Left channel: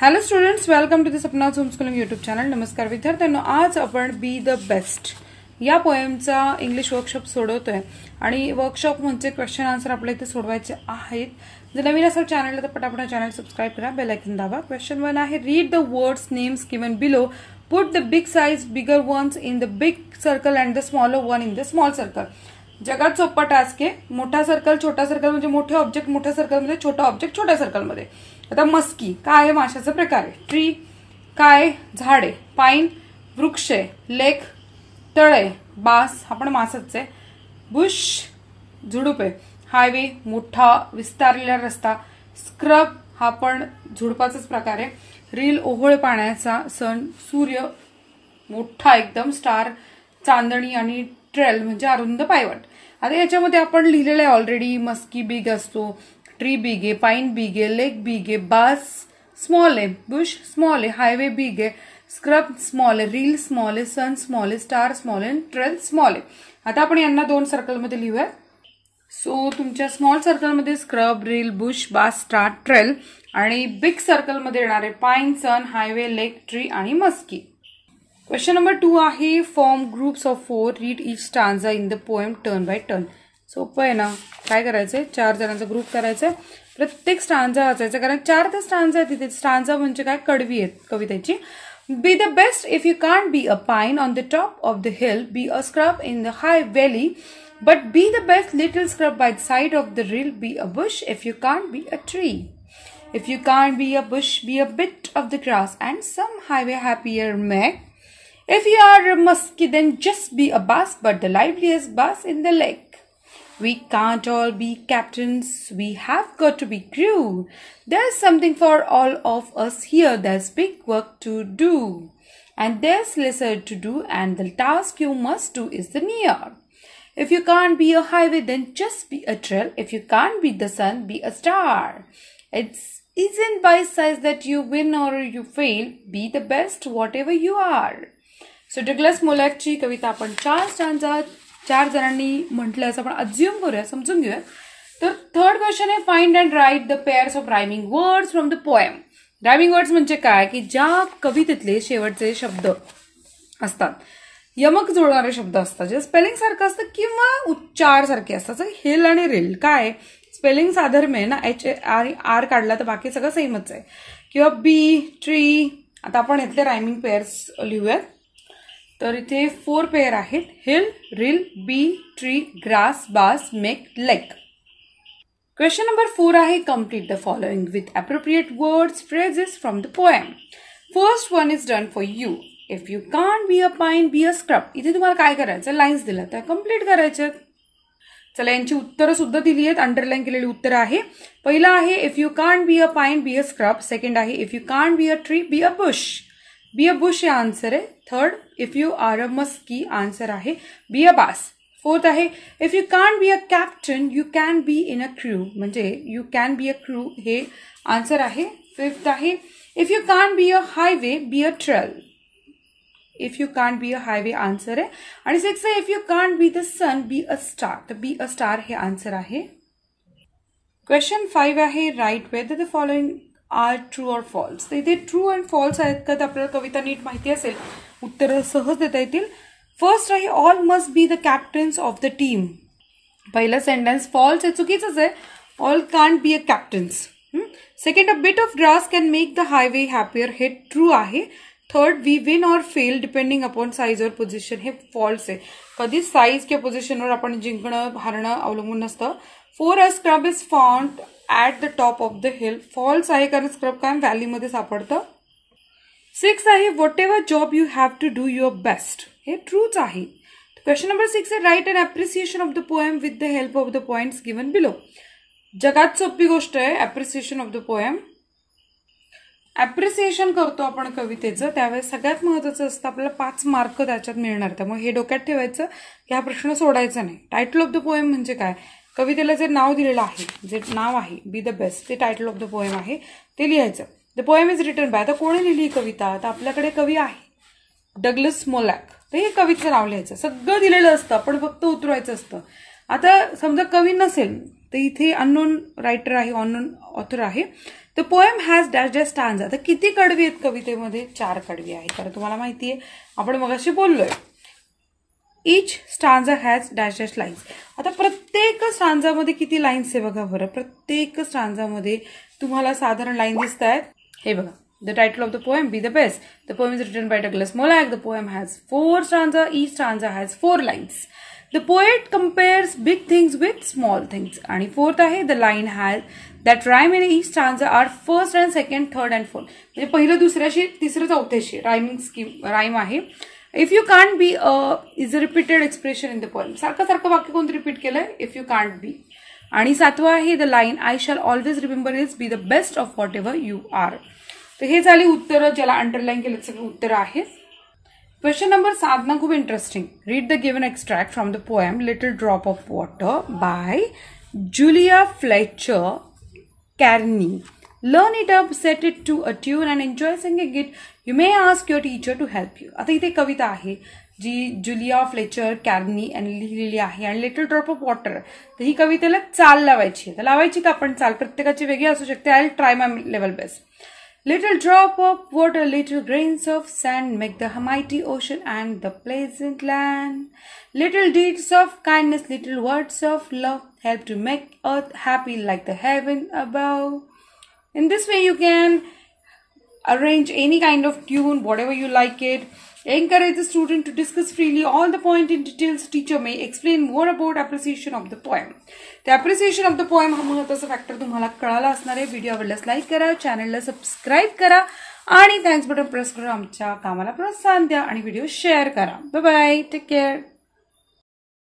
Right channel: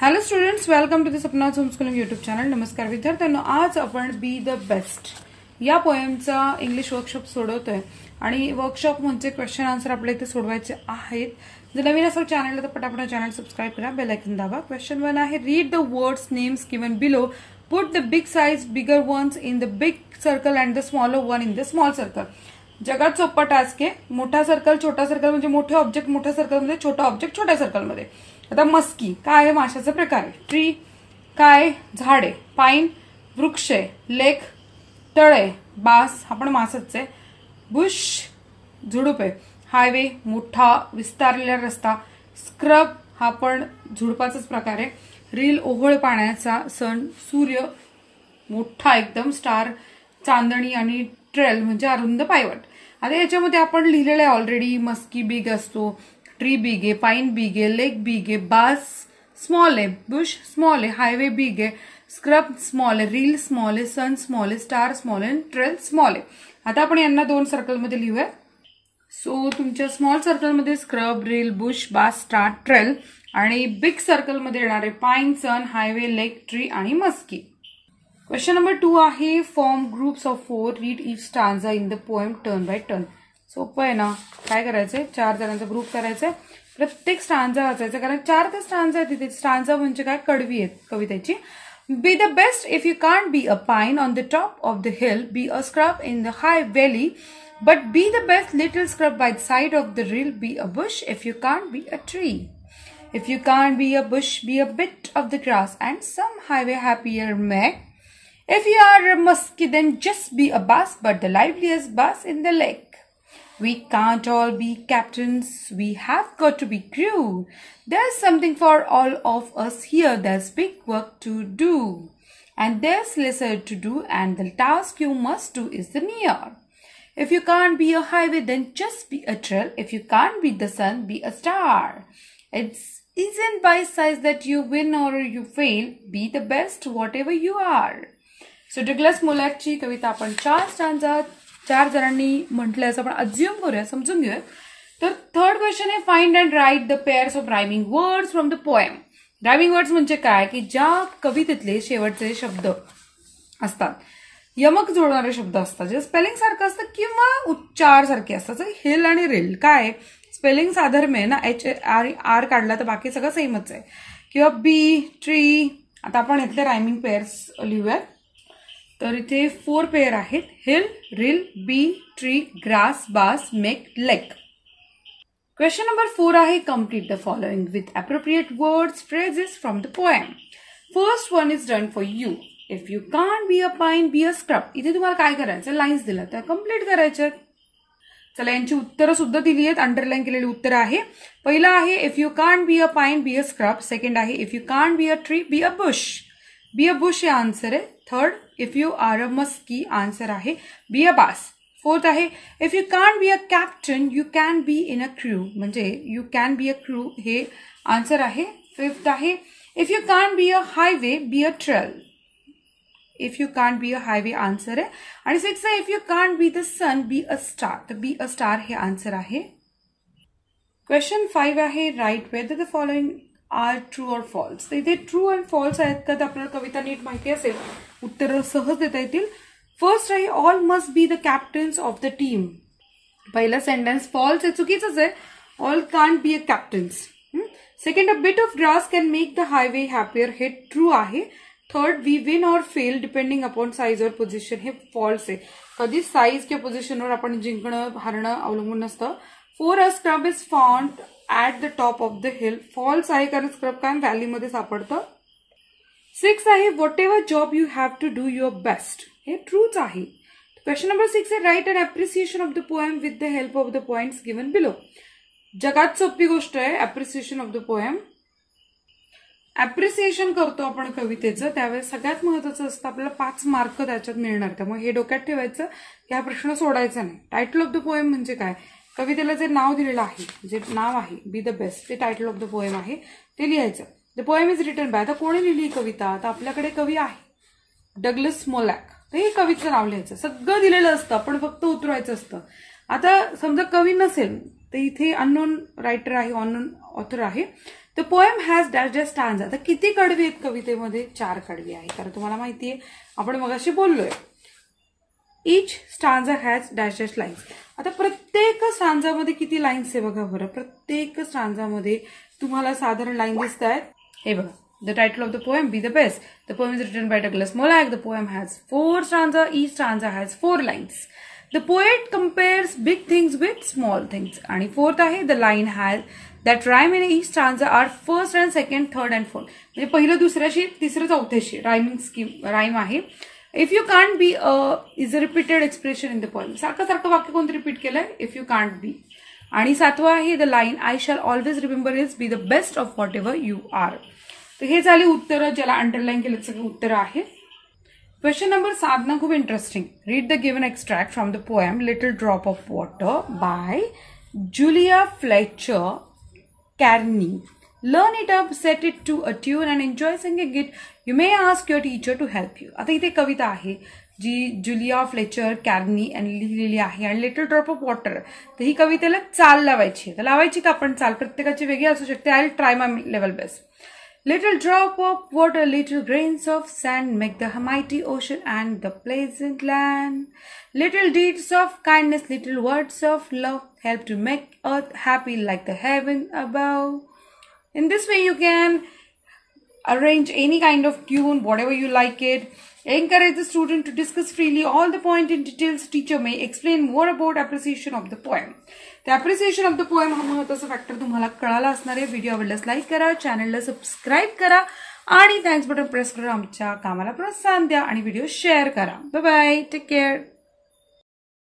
Hello students, welcome to the sapnas homeschooling YouTube channel. नमस्कार विद्यार्थ्यांनो, आज आपण बी द बेस्ट या पोएमचा इंग्लिश वर्कशॉप सोडवतोय आणि वर्कशॉप म्हणजे क्वेश्चन आन्सर आपल्या इथे सोडवायचे आहेत. जर नवीन असेल चॅनलला तर पटापट चॅनल सबस्क्राईब करा, बेल आयकॉन दाबा. क्वेश्चन 1 आहे, read the words names given below, put the big size bigger ones in the big circle and the smaller one in the small circle. जगात सोपा टास्क आहे. मोठा सर्कल छोटा circle म्हणजे मोठे ऑब्जेक्ट मोठ्या सर्कलमध्ये, छोटा ऑब्जेक्ट छोट्या सर्कलमध्ये. आता मस्की काय आहे, माशाचा प्रकार आहे. ट्री काय, झाड आहे. पाईन वृक्ष आहे. लेक तळ आहे. बास हा पण मासच आहे. बुश झुडूप आहे. हायवे मोठा विस्तारलेला रस्ता. स्क्रब हा पण झुडपाचाच प्रकार आहे. रील ओहोळ पाण्याचा. सन सूर्य मोठा एकदम. स्टार चांदणी आणि ट्रेल म्हणजे अरुंद पायवट. आता याच्यामध्ये आपण लिहिलेलं आहे ऑलरेडी. मस्की बिग असतो, ट्री बिग आहे, पाईन बिग आहे, लेक बिग आहे, बास स्मॉल आहे, बुश स्मॉल आहे, हायवे बिग आहे, स्क्रब स्मॉल आहे, रील स्मॉल आहे, सन स्मॉल आहे, स्टार स्मॉल आहे, ट्रेल स्मॉल आहे. आता आपण यांना दोन सर्कलमध्ये लिहूया. सो तुमच्या स्मॉल सर्कलमध्ये स्क्रब, रील, बुश, बास, स्टार, ट्रेल आणि बिग सर्कलमध्ये येणार आहे पाईन, सन, हायवे, लेक, ट्री आणि मस्की. क्वेश्चन नंबर 2 आहे, form groups of 4, read each stanza in the poem turn by turn. सोपं आहे ना. काय करायचंय, 4 जणांचा ग्रुप करायचंय. प्रत्येक स्टांजा वाचायचा, कारण 4 तर स्टांजा आहेत तिथे. स्टांजा म्हणजे काय, कडवी आहेत कवितेची. Be the best if you can't be a pine on the top of the hill, B a scrub in the high valley, but be the best little scrub by the side of the reel, B a Bush if you can't be a tree. If you can't be a bush, be a bit of the grass and some highway happier may. If you are a muskie, then just be a bass, but the liveliest bass in the lake. We can't all be captains, we have got to be crew. There's something for all of us here, there's big work to do. And there's lesser to do, and the task you must do is the near. If you can't be a highway, then just be a trail. If you can't be the sun, be a star. It isn't by size that you win or you fail. Be the best whatever you are. So Douglas मोलॅकची कविता आपण 4 stanza 4 जणांनी म्हटलं असं आपण assume करूया, समजून घेऊया. तर थर्ड क्वेश्चन आहे, find and write the pairs of rhyming words from the poem. Rhyming words म्हणजे काय, की ज्या कवितेतले शेवटचे शब्द असतात, यमक जोडणारे शब्द असतात, जे स्पेलिंग सारखं असतं किंवा उच्चार सारखे असतात. जर हिल आणि रिल काय स्पेलिंग साधर्म्य आहे ना, एच आणि आर काढला तर बाकी सगळं सेमच आहे. किंवा बी, ट्री. आता आपण इथले रायमिंग पेअर्स लिहूयात. तर इथे 4 पेअर आहेत, हिल, रिल, बी, ट्री, ग्रास, बास, मेक, लेक. क्वेश्चन नंबर 4 आहे, complete the following with appropriate words phrases from the poem. First one is done for you. If you can't be a pine, be a scrub. इथे तुम्हाला काय करायचं, lines दिल्या त्या complete करायच्या. चला, यांची उत्तरं सुद्धा दिली आहेत, अंडरलाईन केलेली उत्तरं आहे. पहिला आहे, if you can't be a pine, be a scrub. Second आहे, if you can't be a tree, be a bush. Be a bush हे आन्सर आहे. Third, if you are a muskie, answer आहे be a bass. Fourth आहे, if you can't be a captain, you can be in a crew, म्हणजे you can be a crew हे answer आहे. Fifth आहे, if you can't be a highway, be a trail. If you can't be a highway answer आहे. आणि sixth आहे, if you can't be the sun, be a star. तर be a star हे answer आहे. Question 5 आहे, write whether the following are true or false. तर इथे true and false आहेत का, तर आपल्याला कविता नीट माहिती असेल उत्तर सहज देता येतील. फर्स्ट आहे, all must be the captains of the team. पहिलं सेंटेन्स फॉल्स आहे, चुकीचंच आहे. All can't be a captains. Second, a bit of grass can make the highway happier, हे ट्रू आहे. Third, we win or fail depending upon size or position, हे false आहे. कधी size किंवा पोझिशनवर आपण जिंकणं हारणं अवलंबून नसतं. Four, a scrub is found at the top of the hill, false आहे, कारण स्क्रब काय व्हॅलीमध्ये सापडतं. 6 आहे, whatever job you have to do your best, हे ट्रूच आहे. क्वेश्चन नंबर 6 आहे, write an appreciation of the poem with the help of the points given below. जगात सोपी गोष्ट आहे appreciation of the poem. Appreciation करतो आपण कवितेचं, त्यावेळेस सगळ्यात महत्वाचं असतं आपल्याला 5 मार्क त्याच्यात मिळणार. त्यामुळे हे डोक्यात ठेवायचं की हा प्रश्न सोडायचा नाही. टायटल ऑफ द पोएम म्हणजे काय, कवितेला जे नाव दिलेलं आहे, जे नाव आहे बी द बेस्ट, ते टायटल ऑफ द पोएम आहे, ते लिहायचं. The poem is written by. आता कोणी लिहिली कविता, तर आपल्याकडे कवी आहे डग्लस मोलॅक. तर हे कवितेचं नाव लिहायचं. सगळं दिलेलं असतं, आपण फक्त उतरवायचं असतं. आता समजा कवी नसेल तर इथे अननोन रायटर आहे, अननोन ऑथर आहे. The poem has dash dash stanza. तर किती कडवी आहेत कवितेमध्ये? 4 कडवी आहे. कारण तुम्हाला माहिती आहे आपण मगाशी बोललोय. Each stanza has dash dash lines. आता प्रत्येक स्टांजामध्ये किती लाईन्स आहे बघा बरं. प्रत्येक स्टांजामध्ये तुम्हाला साधारण लाईन दिसत आहेत. हे बघा. The title of the poem, Be the Best. The poem is written by Douglas Molag. The poem has 4 stanzas. Each stanza has 4 lines. The poet compares big things with small things. आणि fourth आहे, the line has that rhyme in each stanza are first and second, third and fourth. म्हणजे पहिलं दुसऱ्याशी तिसरं चौथ्याशी rhyming scheme rhyme आहे. If you can't be is a repeated expression in the poem. सारखं वाक्य कोणतं रिपीट केलंय? If you can't be. आणि 7वा आहे, the line I shall always remember is be the best of whatever you are. तर हे झाली उत्तरं, ज्याला अंडरलाईन केलं सगळी उत्तरं आहेत. क्वेश्चन नंबर 7 ना खूप interesting. Read the given extract from the poem little drop of water by Julia Fletcher Carney. Learn it up, set it to a tune and enjoy singing it. You may ask your teacher to help you. आता इथे कविता आहे जी Julia Fletcher कॅर्नी यांनी लिहिलेली आहे आणि little drop of water. तर ही कवितेला चाल लावायची. तर लावायची का आपण चाल? प्रत्येकाची वेगळी असू शकते. I will try my level best. Little drop of water, little grains of sand make the mighty ocean and the pleasant land. Little deeds of kindness, little words of love help to make earth happy like the heaven above. In this way you can arrange any kind of tune, whatever you like it. Encourage the student to discuss freely all the point in details. Teacher may explain more about appreciation of the poem. The appreciation of the poem हा महत्त्वाचा factor तुम्हाला कळाला असणार आहे. Video आवडल्यास like करा, चॅनलला subscribe करा आणि थँक्स बटन प्रेस करून आमच्या कामाला प्रोत्साहन द्या आणि व्हिडिओ शेअर करा. Bye bye, take care.